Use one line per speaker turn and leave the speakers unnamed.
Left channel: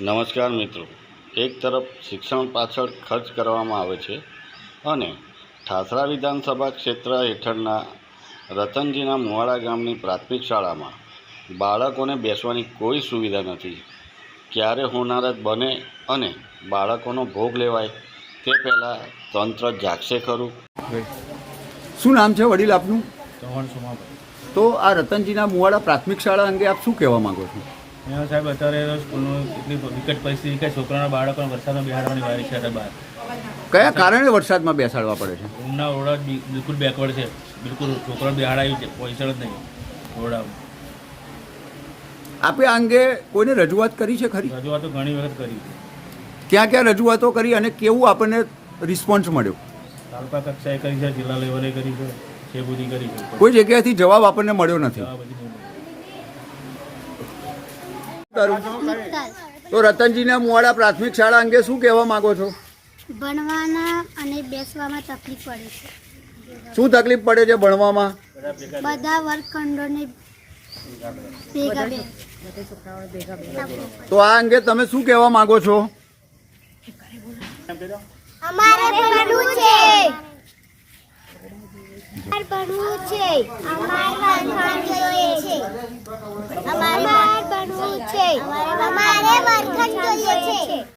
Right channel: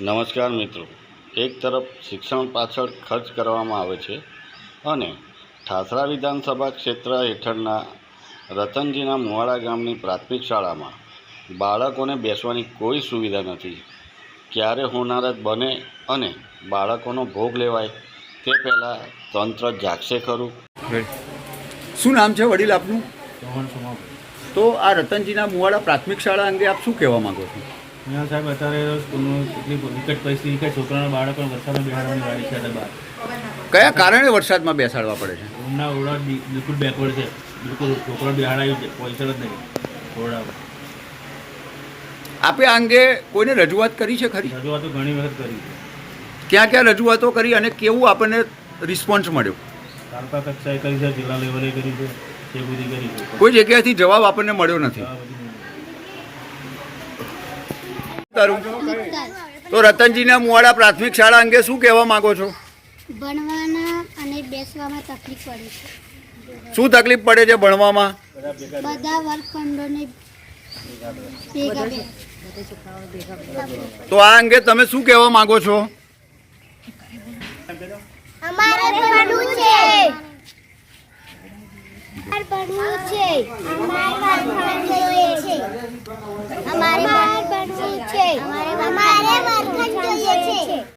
નમસ્કાર મિત્રો. એક તરફ શિક્ષણ પાછળ ખર્ચ કરવામાં આવે છે અને ઠાસરા વિધાનસભા ક્ષેત્ર હેઠળના રતનજીના મુવાડા ગામની પ્રાથમિક શાળામાં બાળકોને બેસવાની કોઈ સુવિધા નથી. ક્યારે હોનારત બને અને બાળકોનો ભોગ લેવાય તે પહેલાં તંત્ર જાગશે ખરું.
શું નામ છે વડીલ આપનું?
ચૌહાણ સોમાભાઈ.
તો આ રતનજીના મુવાડા પ્રાથમિક શાળા અંગે આપ શું કહેવા માંગો છો?
અહીંયા સાહેબ અત્યારે સ્કૂલનું કેટલી વિકટ પરિસ્થિતિ કે છોકરાના બાળકોને વરસાદમાં બિહાડવાની વારી છે અત્યારે બહાર.
કયા કારણે વરસાદમાં બેસાડવા પડે છે?
રૂમના ઓરડા બિલકુલ બેકવર્ડ છે. બિલકુલ છોકરા બિહાડાયું પહોંચે જ નહીં. ઓરડા
આપે આ અંગે કોઈને રજૂઆત કરી છે ખરી?
રજૂઆતો ઘણી વખત કરી છે.
ક્યાં ક્યાં રજૂઆતો કરી અને કેવું આપણને રિસ્પોન્સ મળ્યો?
તાલુકા કક્ષાએ કરી છે જિલ્લા લેવલે કરી છે. એ બધી કરી છે.
કોઈ જગ્યાએથી જવાબ આપણને મળ્યો નથી. તારું? તો રતનજીના મુવાડા પ્રાથમિક શાળા અંગે શું કહેવા માંગો છો?
ભણવાના અને બેસવામાં તકલીફ પડે છે.
શું તકલીફ પડે છે ભણવામાં?
બધા વર્ગખંડોને
તો આ અંગે તમે શું કહેવા માંગો છો?
છે અમારે ભણવું છે અમારે ભણવું જોઈએ છે અમારે ભણવું છે અમારે વર્ગખંડ જોઈએ છે.